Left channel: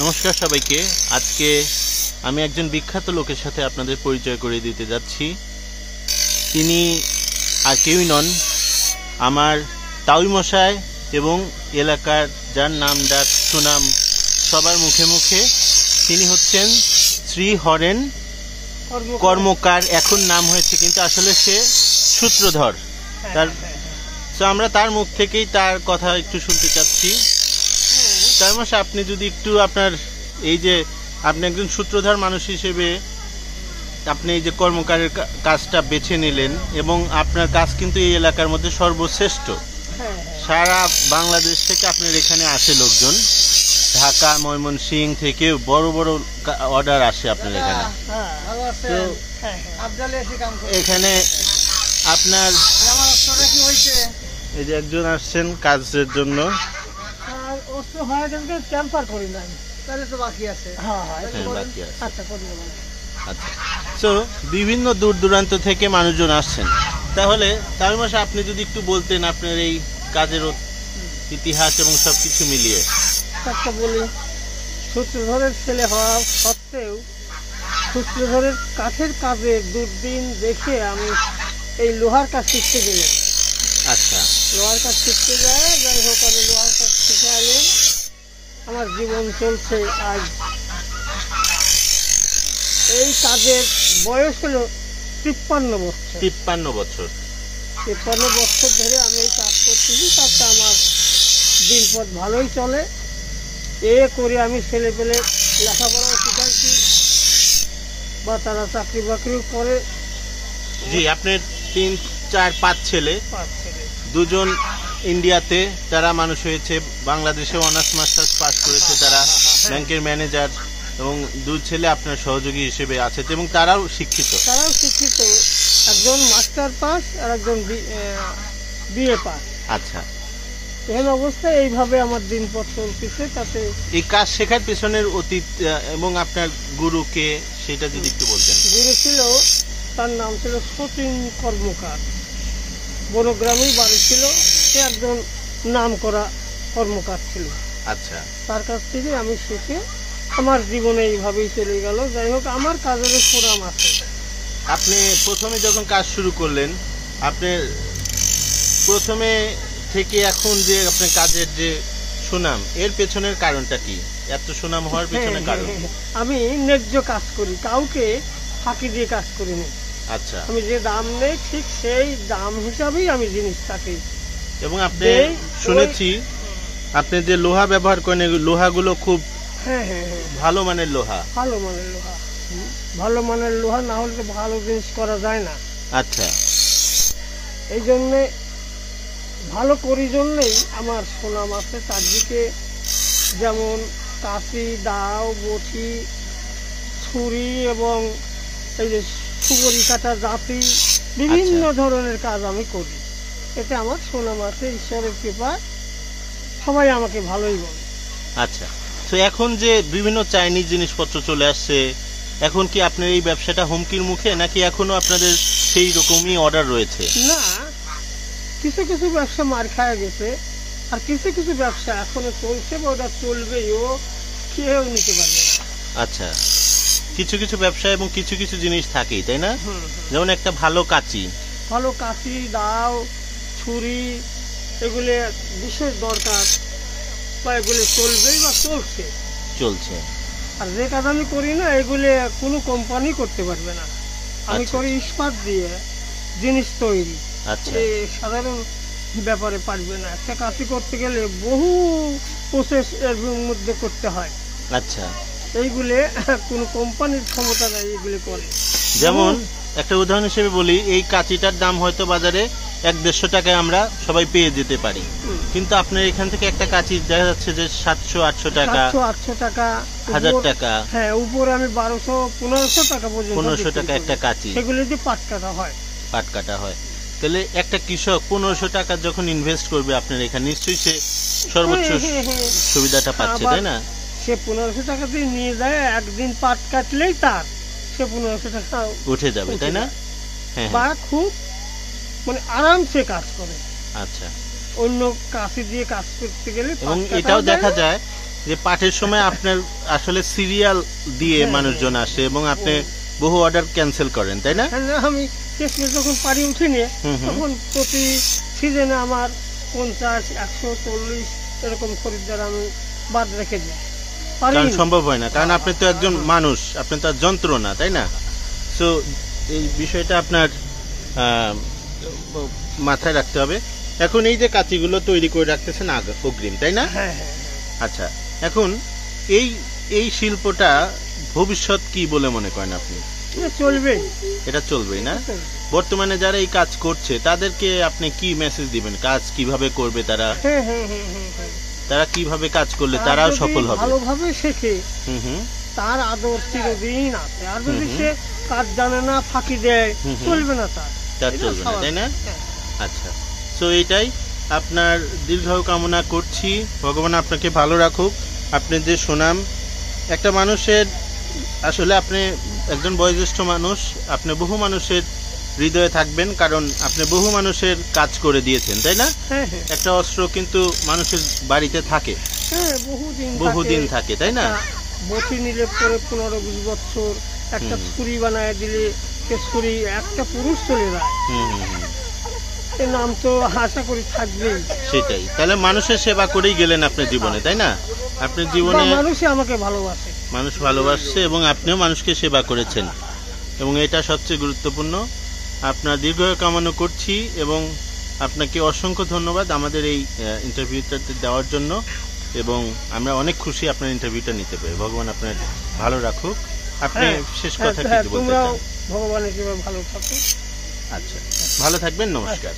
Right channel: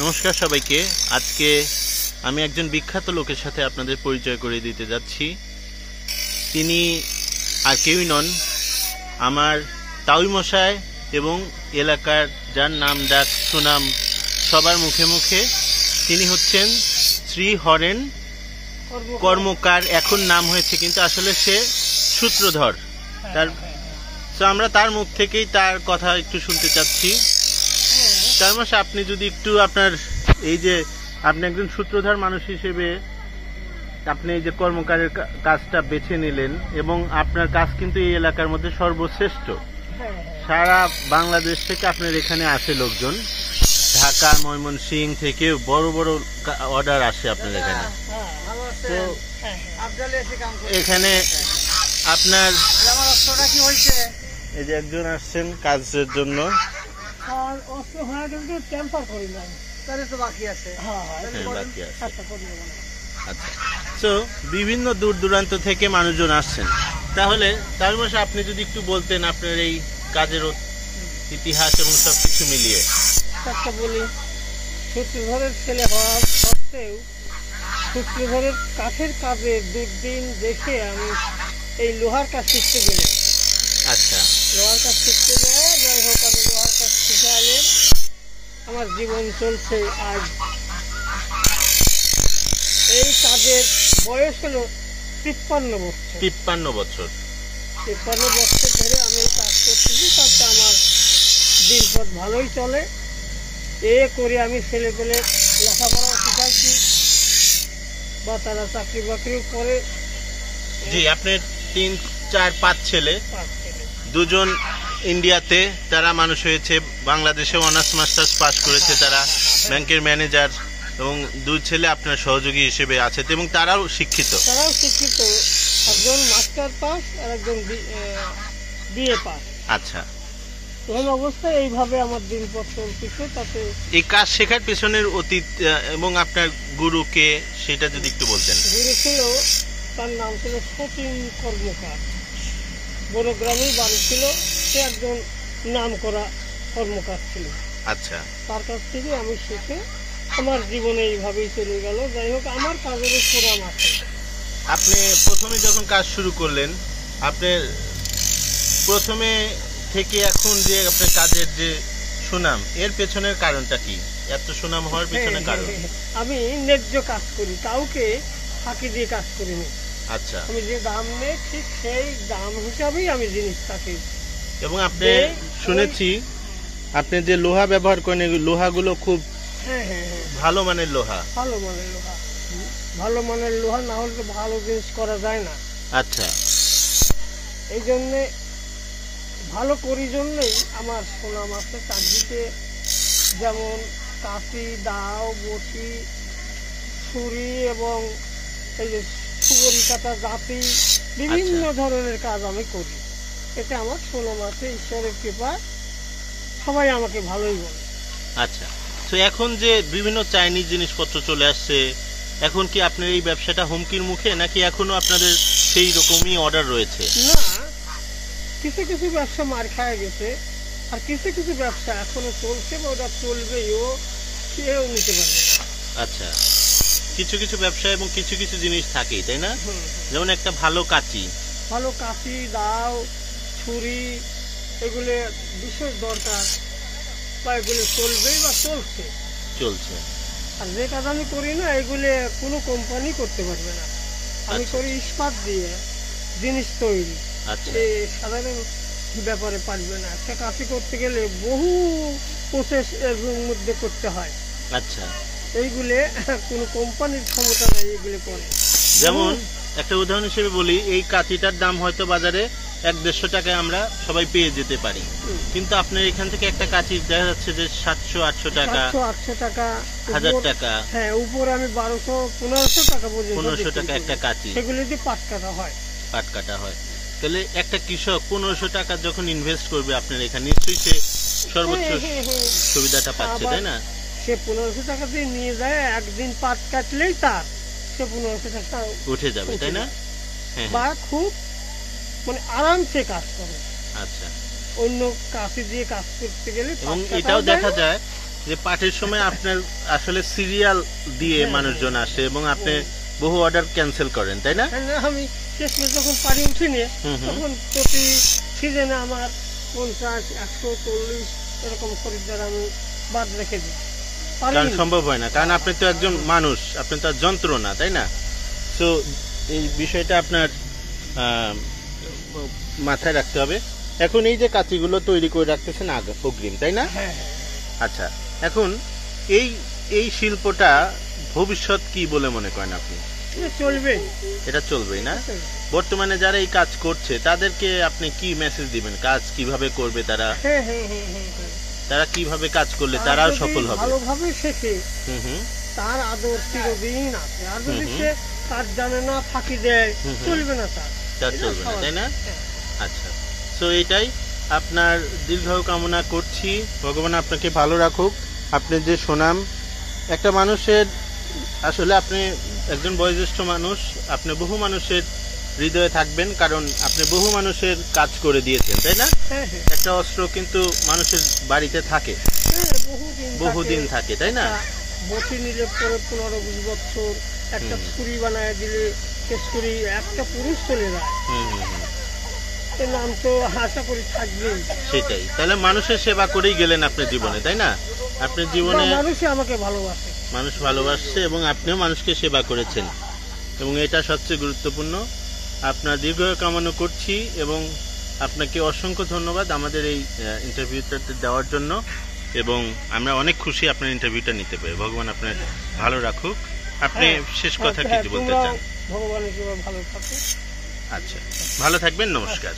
নমস্কার সবাইকে। আজকে আমি একজন বিখ্যাত লোকের সাথে আপনাদের পরিচয় করে দিতে যাচ্ছি। তিনি আর কেউই নন, আমার তাউই মশাই এবং এলাকার যার নাম ডাক সুনাম সবার মুখে মুখে। তিনি হচ্ছেন শ্রী হরেন কর্মকার। এখন নাম হয়েছে, কিন্তু আসলে সে সূত্রধর। আমরা তার মুখ থেকেই তার কথা একটু শুনতে চাচ্ছি। তার মাসে আপনি যদি একটু আপনার এই যে আপনি একজন সূত্রধর মানুষ হিসেবে আপনি এই যে কর্মকারের কাজটা বেছে নিলেন, এবং আপনার কাজ কিন্তু এই এলাকার মধ্যে সর্বশ্রেষ্ঠ। সারা বাংলাদেশ থেকে আপনার এখানে আসে লোকজন, ঢাকা ময়মনসিংহ থেকে বড় বড় অর্ডার আসে আপনার এখানে। তো এখানে আপনার এই যে একজন আসছেন কাজের জন্য, তো বিভিন্ন দূর দূরান্ত থেকে মানুষজন আসছেন। তাহলে তার মাসে আপনি যদি একটু বলতেন আপনার এই কাজের ইতিহাস এবং সবকিছু মিলিয়ে। বলি, সূত্রধরের ছেলে হওয়া সত্ত্বেও সূত্রধরের কাঠের কাজে দুর্দিন দেখে আমি এই লোহার কাজ শিখতে গেলাম। আচ্ছা, লোহার কাজ শিখতে যায়, যাই হোক আমি লোহার কাজ শিখে আইলাম। আমার জীবন চলছে আজ। এই কাজের বয়স হলো 53 বছর। 53 বছর ধরে আমি এই কাজ করতেছি। তাতে আমার দিনপথ ভালোই চলে। এ করে আমি ছেলে পেলে লেখাপড়াও শিখাইছি, বা তারা চাকরি বাকরিও করে। জি, আপনার 3, 4, 5 ছেলে, দুজন ইন্ডিয়াতে তারা মানুষ হয়েছে, বাংলাদেশে অনার্স মাস্টার্স পাস করেছে, তারা ব্যাংকের ম্যানেজার, এবং 2 ছেলে আপনার সহযোগী হিসেবে আছে, এবং তারাও শিক্ষিত। একজন মাস্টার পাস আর একজন বিএ পাস। আচ্ছা, এই অবস্থায় এইভাবে আমার দিনপথ চলতেছে। তাতে এই কাজ শেখার পেছনের অতীত এবং আপনার গুরুকে সেটা যদি একটু বলতেন। গুরু ছিল, তার নাম ছিল সতীন কর্মকার। বনগ্রামেই বাড়ি ছিল। সে একজন নাম করা কর্মকার ছিল। আচ্ছা, তার কাছ থেকে আমি শিখে আমার জীবনে এইভাবেই চলে গেল। যাই হোক, আমার কাজের সুনাম আছে। আপনি প্রথমে যখন কাজ শুরু করলেন, আপনি প্রথমে থেকে এখন যে আপনার কাজের যে সুনাম, এর পেছনের কারণটা কি? এত সুনাম হওয়ার পেছনে কারণ? আমি ন্যায্য কাজ করি, কাউকে ফাঁকি দিয়ে কাজ করিনি। আচ্ছা, আমি যে দাম নেই ঠিক সেই দাম হিসাবেই আমি জিনিসটাকে। এবং আপনি শুনেছি আপনি যে লোহা ব্যবহার করেন, লোহাগুলো খুব ভালো মানের লোহা। ভালো মানের লোহা না হলে তো ভালো জিনিস করা যায় না। আচ্ছা, এই জন্যে ভালো করি জন্যই আমার সুনাম আছে চারদিকে। যেমন কাঁচি, দাও, বটি, ছুরি এবং এই যে সুবরি কাটা জাতি, বিভিন্ন ধরনের কাজ আমি করি। এতে আমার সুনাম আছে, ঈশ্বরের কৃপায় সবাই আমাকে ভালোই বলে। আচ্ছা, তো এখন যে বিভিন্ন চাইনিজ জিনিসপত্র চলে আসছে, এখন কি আপনার এই ব্যবসাটা হুমকির মুখে, নাকি এখনো আপনাদের সেই রকমই অর্ডার রয়েছে? না, কিছু কিছু ব্যবসা মার খায় গেছে, আর কিছু কিছু ব্যবসা এখনো চলছে, বা ওটা চলবেও, কেউ নিতে পারবে না। আচ্ছা, কিছু কিছু ব্যবসা এবং কিছু কিছু জিনিস থাকেই, তাই না? যেমন একটা ভালো কাঁচি, দাও, ছুরি, এগুলো বিশেষ দরকার, বা এগুলো চলবেই বা চলছে। আর যে কাজ আমি করি না, এগুলো কোনো কোম্পানি করতে পারবে না। আমি করি ইস্পাত দিয়ে জিনিস তৈরি। সাধারণ ব্যাপারে পারবে না। একটা কাঁচি করতে গেলে বহু প্রসেস এর মধ্যে করতে হয়। আচ্ছা, এইগুলো কোনো কোম্পানির ক্ষমতা নাই, এগুলো করে। যেমন একটা উদাহরণ হিসেবে বলি, এই কাঁচিটার দাম হয়তো বাজারে 100-150 টাকায় আমরা সবাই পেয়ে যেতে পারি, কিন্তু আপনার এখান থেকে একটা কাঁচি দেখা যাচ্ছে যে 700-800 টাকা, 1000 টাকা। হ্যাঁ, উপরে আমি 1200-1500 টাকা পর্যন্ত। 1500 টাকা একটা কাঁচি। সেগুলো যে পাট কাটা হয়। তাহলে একটা কৃষক 1500 টাকা যখন ইনভেস্ট করবে আপনার এখানে, নিশ্চয়ই সে সর্বোচ্চ সুবিধাটা পাচ্ছে, তাই না? সে 1500 টাকা দিয়ে নিয়ে যায়, একদিন পাট কাটলেই তার সে 1500 টাকা উঠে যাবে, তাই না? বা খুব মানে আরামসে কাজ করে। আচ্ছা, অন্য কাঁচি দিয়ে কাজ করতে গেলে এবং এটাও দেখা যায় যে পাঠের সময় আপনার আসলে সিরিয়াল দিয়ে মানুষজন আসে এবং আপনি বহু অর্ডার ক্যান্সেল করেন, তাই না? আমি শেষ মেশ যখন পারি উঠিনি তখন প্রতি সিজনে আমার 50, 140 এরকম খরিদ্দার আমি বাদ রেখে দিই। কারণ সম্ভব হয় না, কারণ আপনি তো একজন মানুষ, আপনি তো যন্ত্র না, তাই না? তো এই বিষয়টা আপনার মাথায় রাখতে হবে। এখন এই যে কাঁচিগুলো তৈরি করে রাখতেছেন অগ্রিম, তাই না? আচ্ছা, এখন এই এই শিল্পটা ভবিষ্যৎ কি বলে মনে করেন আপনি? চলবে, এটা চলবেই না? বর্তমানে যারা এই কাজ করছে তাদেরকে আপনি কি মেসেজ দিবেন? কাজ কিভাবে করবে তারা? তারা কিভাবে কাজ করলে তারাও সফল হবে? ভালোভাবে শেখে, তার আদর চিরদিন আছে। আর যদি সে কাজ জানে না, ফাঁকি দেয়, চলবে না, তার চলবে না, তাই না? আচ্ছা, তো এইটাই আপনার দীর্ঘায়ু কামনা করছি, ভগবান আপনাকে ভালো রাখুক। আপনি যে সুনাম, একটা মানুষের আসলে আপনি একজন বয়োজ্যেষ্ঠ মানুষ, আপনি বহু মানুষের হৃদয়ে থাকবেন, কারণ আপনি বহু মানুষের কাজ করে দিয়েছেন, তাই না? একটা অস্ত্র কিন্তু মানুষের বাড়িতে থাকে, বহুদিন থাকে, তাই না? বটি নিলে পরে 15-20 বছর, একটা ছুরি বানায় দিলে সে ছুরি একটা পুরুষ চলে যায়, নাম তো আশা করি থাকবেই। সেটাই, তাহলে মানুষের সেবা করেই গেলেন আপনার জীবনে, তাই না? আপনার জীবনে মানুষই আমাকে ভালোবাসে, মানুষ ভালোবাসছে এবং আপনিও মানুষকে সেবা করেছেন, এবং এটা সবচেয়ে গুরুত্বপূর্ণ। আপনার দীর্ঘায়ু কামনা করছি এবং আপনাকে অসংখ্য ধন্যবাদ আমাদের এই ইন্টারভিউটাতে দেওয়ার জন্য, এবং আমরা অনেক খুশি আপনার ইন্টারভিউটা নিতে পেরে। ভগবান আপনার ভালো রাখুক। আপনি শেষ কথা কি বলতে চান? ভগবান একেবারে ভালো থাকুক। আচ্ছা, ভালো থাকবেন, নমস্কার।